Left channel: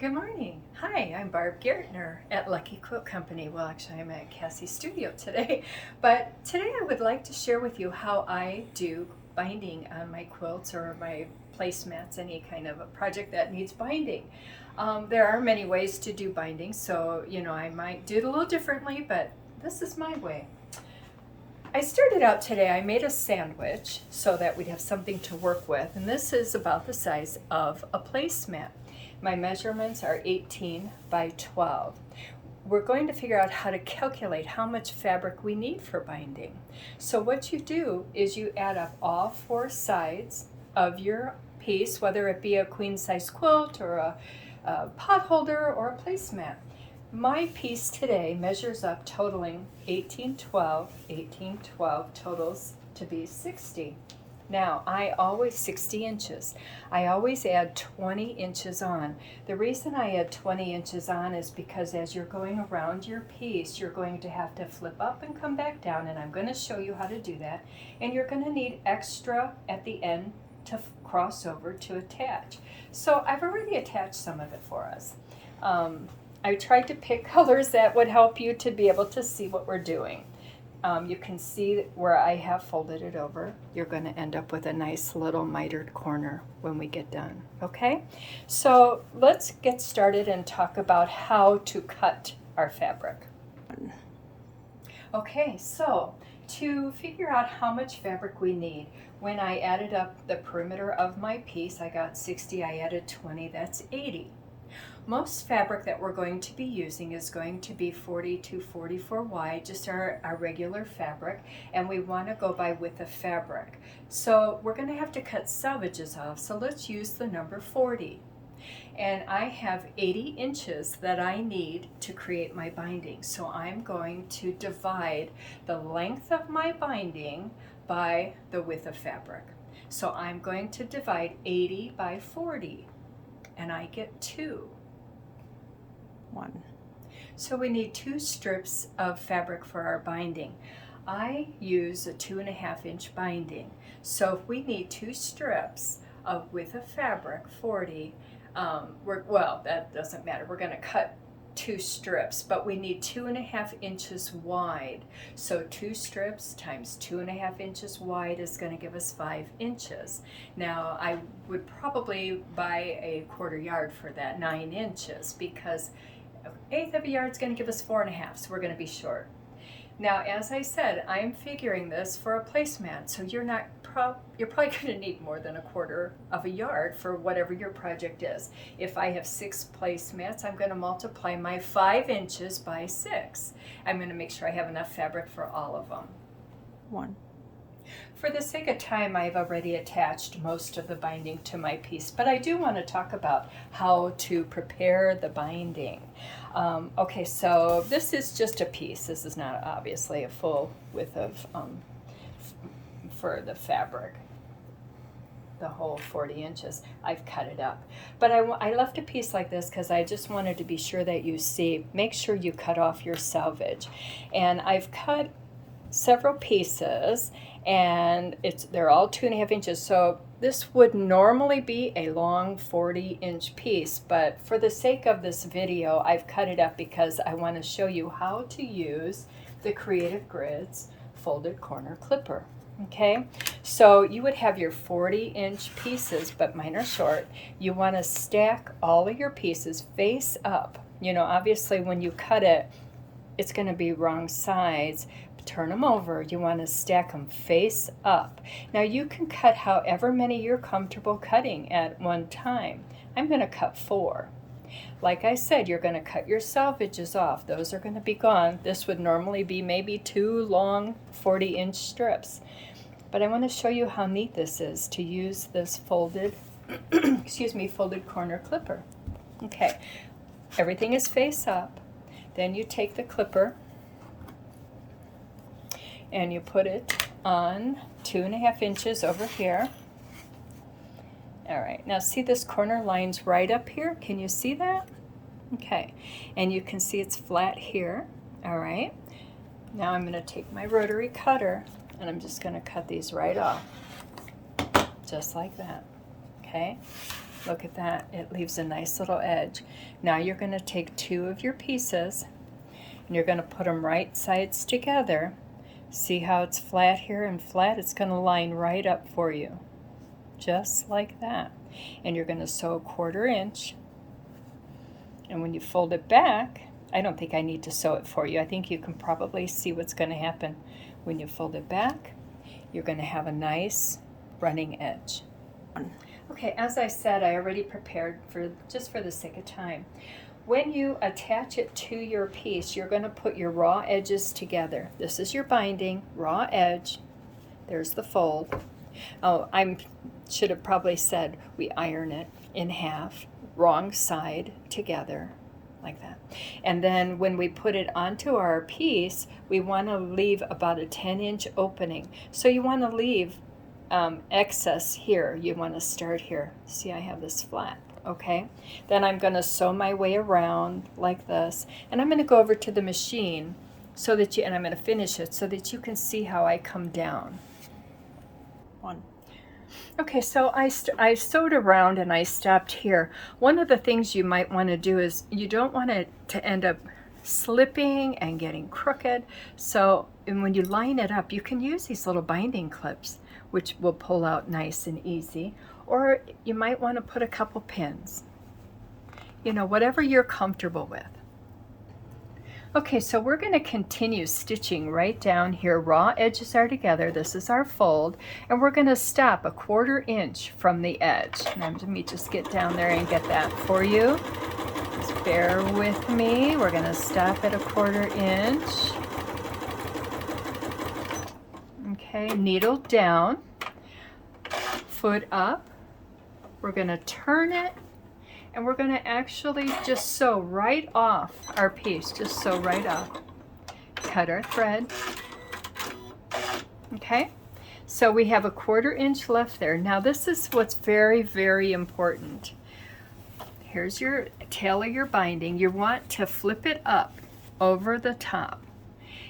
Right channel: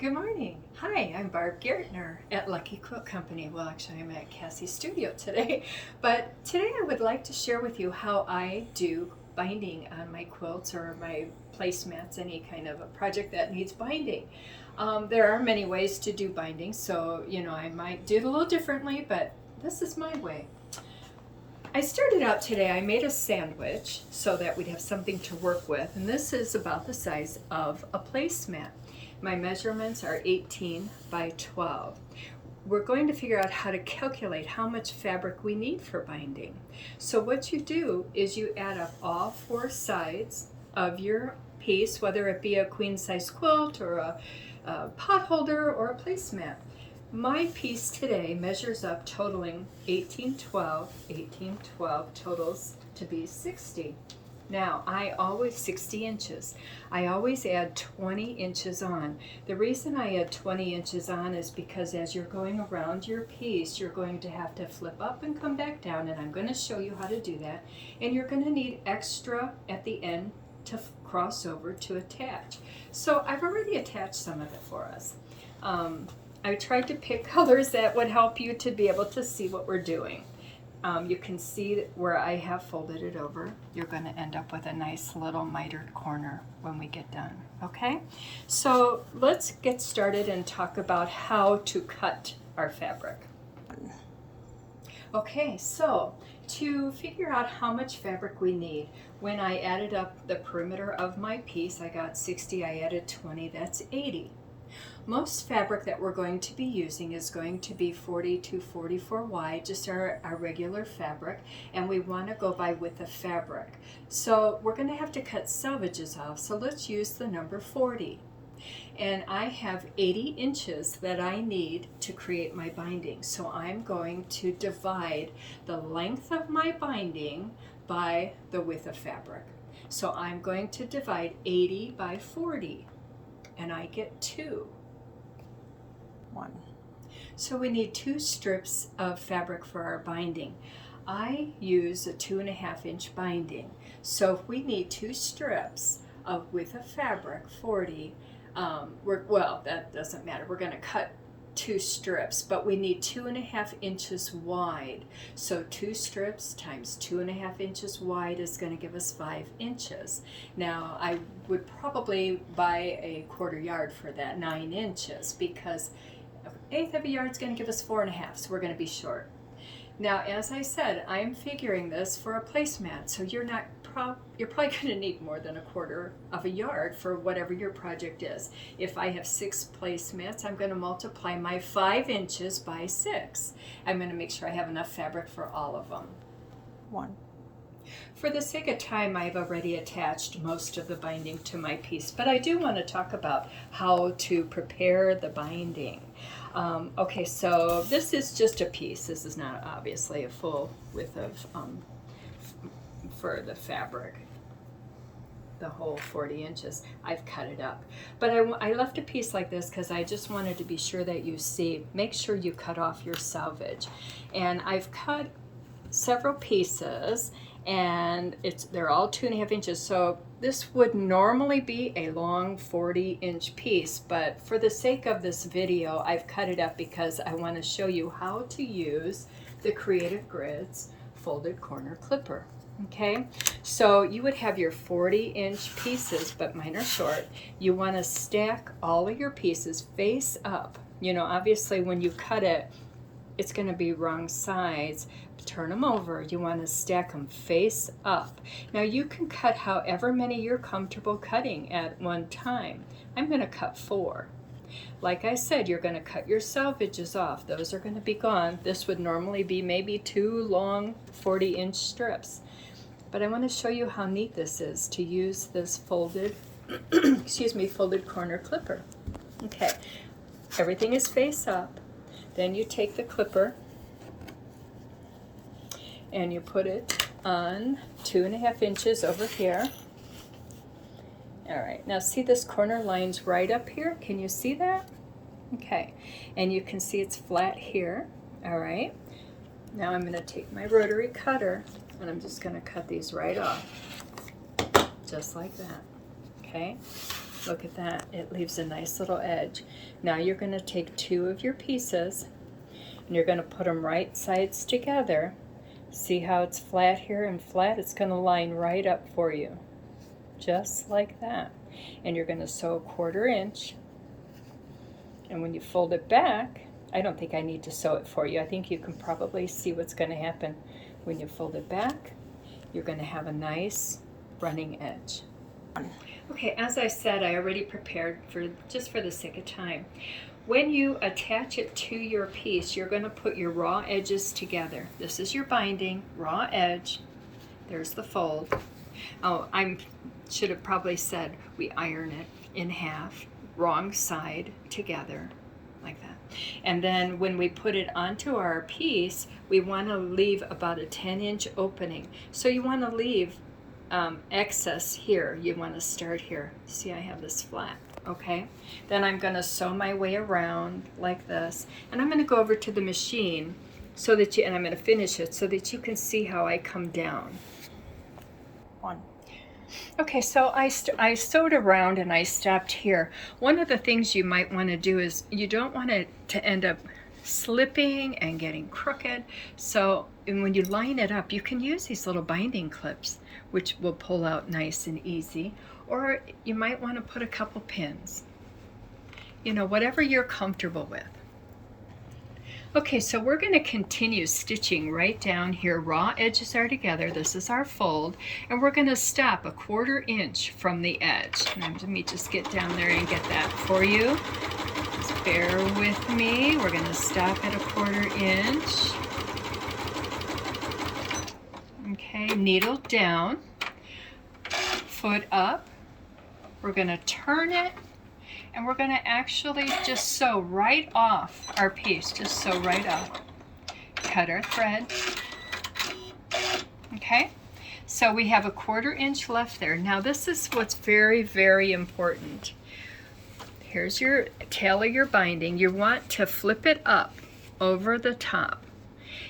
Good morning. Hi, I'm Barb at Lucky Quilt Company. Well, actually, I'm at Cassie's studio today, but today I would like to share with you how I do binding on my quilts or my placemats, any kind of a project that needs binding. There are many ways to do binding, so I might do it a little differently, but this is my way. I started out today, I made a sandwich so that we'd have something to work with, and this is about the size of a placemat. My measurements are 18 by 12. We're going to figure out how to calculate how much fabric we need for binding. So what you do is you add up all four sides of your piece, whether it be a queen size quilt or a pot holder or a placemat. My piece today measures up totaling 1812, 1812 totals to be 60. Now, 60 inches. I always add 20 inches on. The reason I add 20 inches on is because as you're going around your piece, you're going to have to flip up and come back down, and I'm going to show you how to do that. And you're going to need extra at the end to cross over to attach. So I've already attached some of it for us. I tried to pick colors that would help you to be able to see what we're doing. You can see where I have folded it over. You're going to end up with a nice little mitered corner when we get done, okay? So let's get started and talk about how to cut our fabric. Okay, so to figure out how much fabric we need, when I added up the perimeter of my piece, I got 60, I added 20, that's 80. Most fabric that we're going to be using is going to be 40 to 44 wide, just our regular fabric, and we want to go by width of fabric. So we're going to have to cut selvages off, so let's use the number 40. And I have 80 inches that I need to create my binding, so I'm going to divide the length of my binding by the width of fabric. So I'm going to divide 80 by 40, and I get 2. 1. So we need 2 strips of fabric for our binding. I use a 2.5 inch binding. So if we need 2 strips of width of fabric, 40, that doesn't matter. We're going to cut 2 strips, but we need 2.5 inches wide. So 2 strips times 2.5 inches wide is going to give us 5 inches. Now I would probably buy a quarter yard for that, 9 inches, because 1/8 of a yard is going to give us 4.5, so we're going to be short. Now, as I said, I'm figuring this for a placemat, so you're probably going to need more than a quarter of a yard for whatever your project is. If I have 6 placemats, I'm going to multiply my 5 inches by 6. I'm going to make sure I have enough fabric for all of them. 1. For the sake of time, I've already attached most of the binding to my piece, but I do want to talk about how to prepare the binding. Okay, so this is just a piece. This is not obviously a full width of for the fabric, the whole 40 inches. I've cut it up, but I left a piece like this because I just wanted to be sure that you see. Make sure you cut off your selvage, and I've cut several pieces, and they're all 2.5 inches. So this would normally be a long 40-inch piece, but for the sake of this video, I've cut it up because I want to show you how to use the Creative Grids folded corner clipper. Okay, so you would have your 40-inch pieces, but mine are short. You want to stack all of your pieces face up. Obviously when you cut it, it's going to be wrong sides. Turn them over. You want to stack them face up. Now you can cut however many you're comfortable cutting at one time. I'm going to cut 4. Like I said, you're going to cut your selvages off. Those are going to be gone. This would normally be maybe 2 long 40-inch strips. But I want to show you how neat this is to use this folded folded corner clipper. Okay, everything is face up. Then you take the clipper and you put it on 2.5 inches over here. All right, now see this corner line's right up here? Can you see that? Okay, and you can see it's flat here. All right, now I'm going to take my rotary cutter and I'm just going to cut these right off, just like that. Okay, Look at that. It leaves a nice little edge. Now you're going to take 2 of your pieces and you're going to put them right sides together. See how it's flat here and flat? It's going to line right up for you. Just like that. And you're going to sew 1/4 inch. And when you fold it back, I don't think I need to sew it for you. I think you can probably see what's going to happen. When you fold it back, you're going to have a nice running edge. Okay, as I said, I already prepared for just for the sake of time. When you attach it to your piece, you're going to put your raw edges together. This is your binding, raw edge. There's the fold. Oh, I should have probably said we iron it in half, wrong side together, like that. And then when we put it onto our piece, we want to leave about a 10-inch opening. So you want to leave excess here. You want to start here. See, I have this flat. Okay, then I'm going to sew my way around like this, and I'm going to go over to the machine so that and I'm going to finish it so that you can see how I come down. 1. Okay, so I sewed around and I stopped here. One of the things you might want to do is you don't want it to end up slipping and getting crooked. So and when you line it up, you can use these little binding clips, which will pull out nice and easy. Or you might want to put a couple pins. You know, whatever you're comfortable with. Okay, so we're going to continue stitching right down here. Raw edges are together. This is our fold. And we're going to stop a 1/4 inch from the edge. Now, let me just get down there and get that for you. Just bear with me. We're going to stop at a 1/4 inch. Okay, needle down, foot up. We're going to turn it, and we're going to actually just sew right off our piece. Just sew right off. Cut our thread. Okay, so we have a 1/4 inch left there. Now this is what's very, very important. Here's your tail of your binding. You want to flip it up over the top.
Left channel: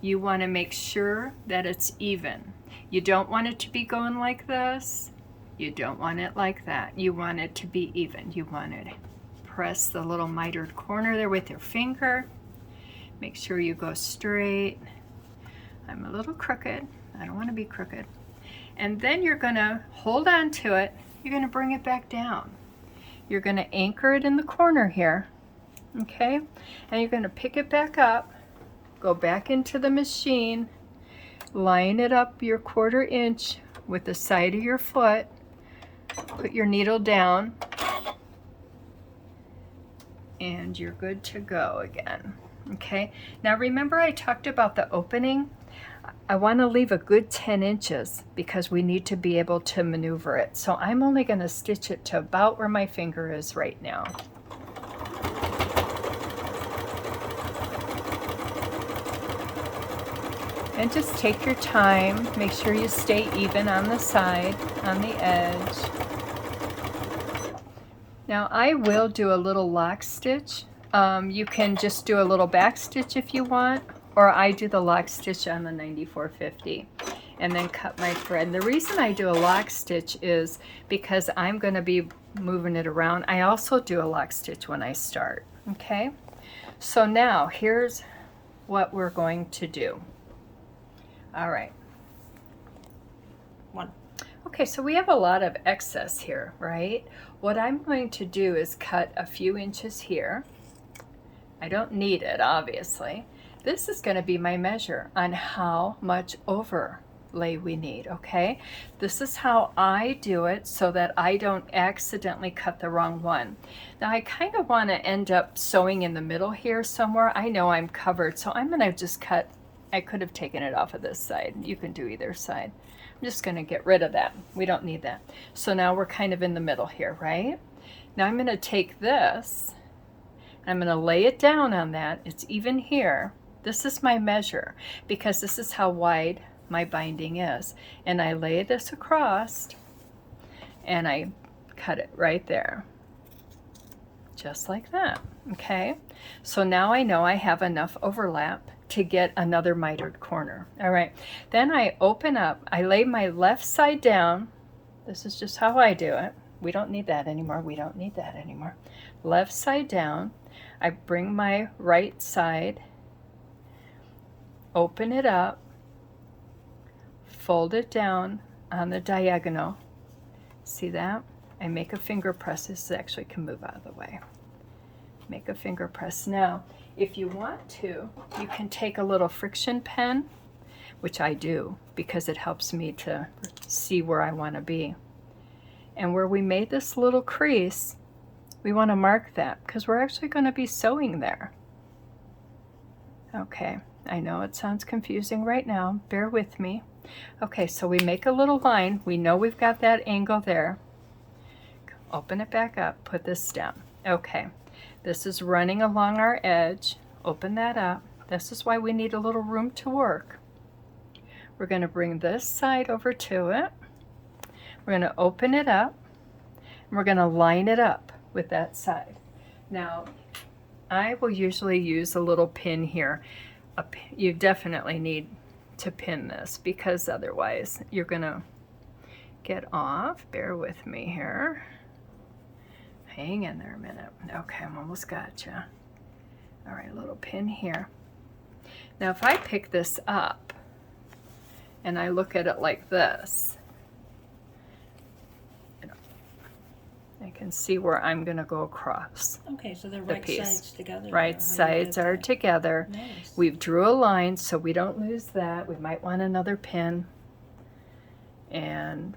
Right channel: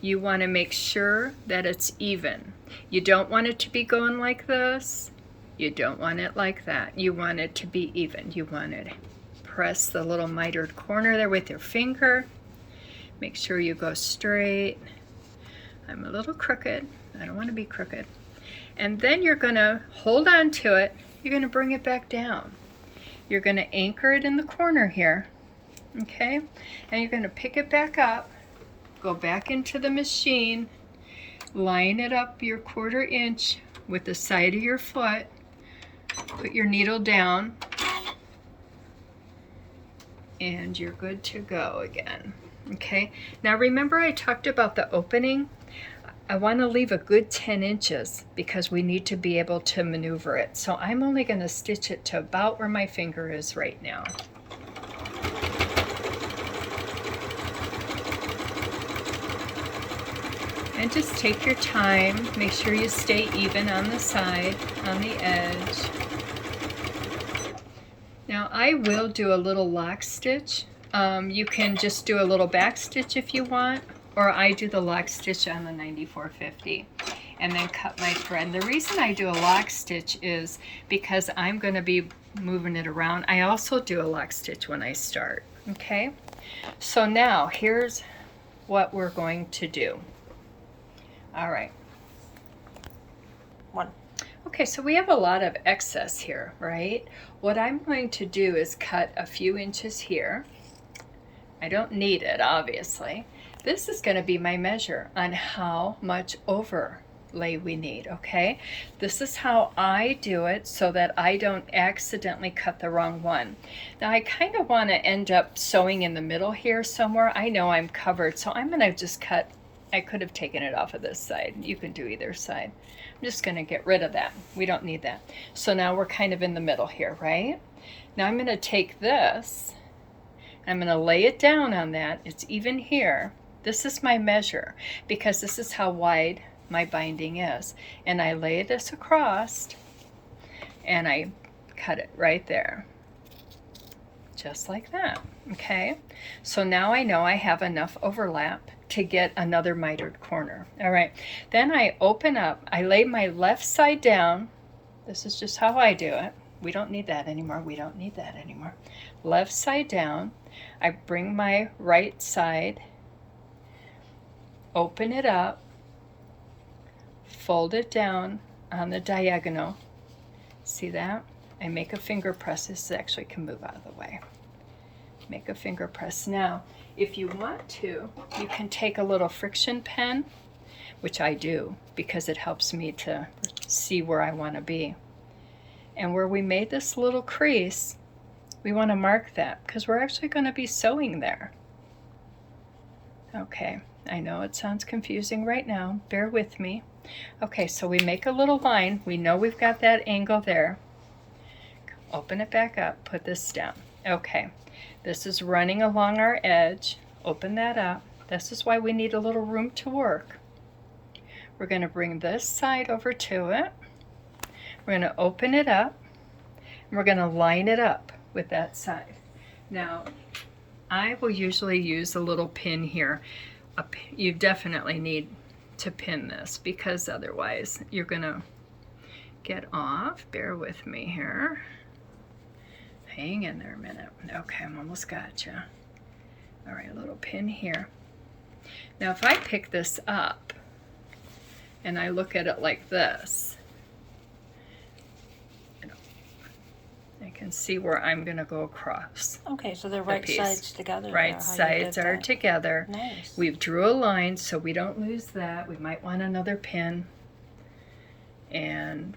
You want to make sure that it's even. You don't want it to be going like this. You don't want it like that. You want it to be even. You want to press the little mitered corner there with your finger. Make sure you go straight. I'm a little crooked. I don't want to be crooked. And then you're going to hold on to it. You're going to bring it back down. You're going to anchor it in the corner here. Okay? And you're going to pick it back up. Go back into the machine. Line it up your 1/4 inch with the side of your foot. Put your needle down, and you're good to go again. Okay, now remember I talked about the opening. I want to leave a good 10 inches because we need to be able to maneuver it. So I'm only going to stitch it to about where my finger is right now. And just take your time. Make sure you stay even on the side, on the edge. Now I will do a little lock stitch. You can just do a little back stitch if you want, or I do the lock stitch on the 9450 and then cut my thread. And the reason I do a lock stitch is because I'm going to be moving it around. I also do a lock stitch when I start. Okay, so now here's what we're going to do. All right. 1. Okay, so we have a lot of excess here, right? What I'm going to do is cut a few inches here. I don't need it, obviously. This is going to be my measure on how much overlay we need, okay? This is how I do it so that I don't accidentally cut the wrong one. Now I kind of want to end up sewing in the middle here somewhere. I know I'm covered, so I'm going to just cut. I could have taken it off of this side. You can do either side. I'm just going to get rid of that. We don't need that. So now we're kind of in the middle here, right? Now I'm going to take this, and I'm going to lay it down on that. It's even here. This is my measure because this is how wide my binding is. And I lay this across, and I cut it right there. Just like that, okay? So now I know I have enough overlap to get another mitered corner. All right, then I open up, I lay my left side down. This is just how I do it. We don't need that anymore. We don't need that anymore. Left side down. I bring my right side, open it up, fold it down on the diagonal. See that? I make a finger press. This actually can move out of the way. Make a finger press. Now, if you want to, you can take a little friction pen, which I do because it helps me to see where I want to be. And where we made this little crease, we want to mark that because we're actually going to be sewing there. Okay, I know it sounds confusing right now. Bear with me. Okay, so we make a little line. We know we've got that angle there. Open it back up, put this down. Okay, this is running along our edge. Open that up. This is why we need a little room to work. We're going to bring this side over to it. We're going to open it up. And we're going to line it up with that side. Now, I will usually use a little pin here. You definitely need to pin this because otherwise you're going to get off. Bear with me here. Hang in there a minute. Okay, I'm almost got you. All right, a little pin here. Now, if I pick this up and I look at it like this, I can see where I'm going to go across. Okay, so the right sides together. Right sides are together. Nice. We've drew a line so we don't lose that. We might want another pin. And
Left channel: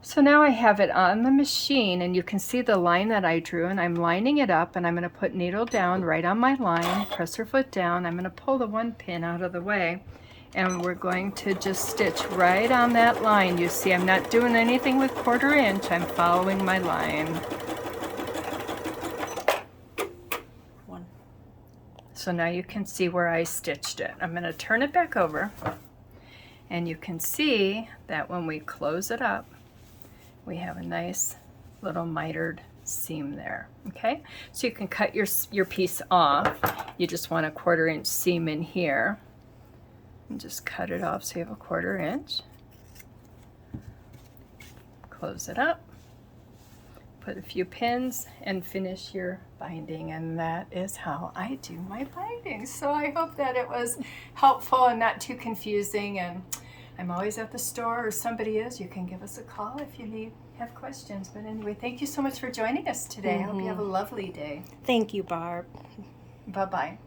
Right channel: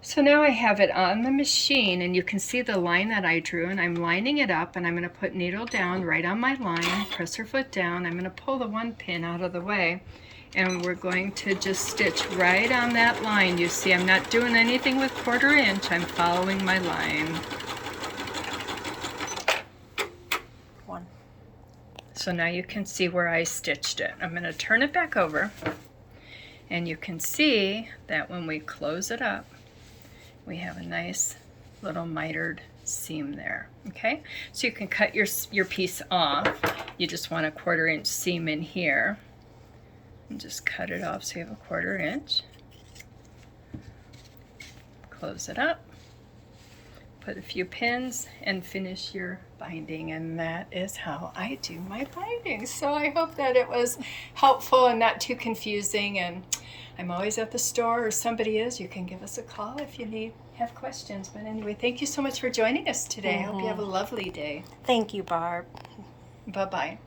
so now I have it on the machine, and you can see the line that I drew, and I'm lining it up, and I'm going to put needle down right on my line, press her foot down. I'm going to pull the one pin out of the way, and we're going to just stitch right on that line. You see, I'm not doing anything with 1/4 inch. I'm following my line. One. So now you can see where I stitched it. I'm going to turn it back over, and you can see that when we close it up, we have a nice little mitered seam there. Okay, so you can cut your piece off. You just want a 1/4 inch seam in here, and just cut it off so you have a 1/4 inch. Close it up, put a few pins, and finish your binding. And that is how I do my binding. So I hope that it was helpful and not too confusing. And I'm always at the store, or somebody is. You can give us a call if you have questions. But anyway, thank you so much for joining us today. I hope you have a lovely day. Thank you, Barb. Bye-bye.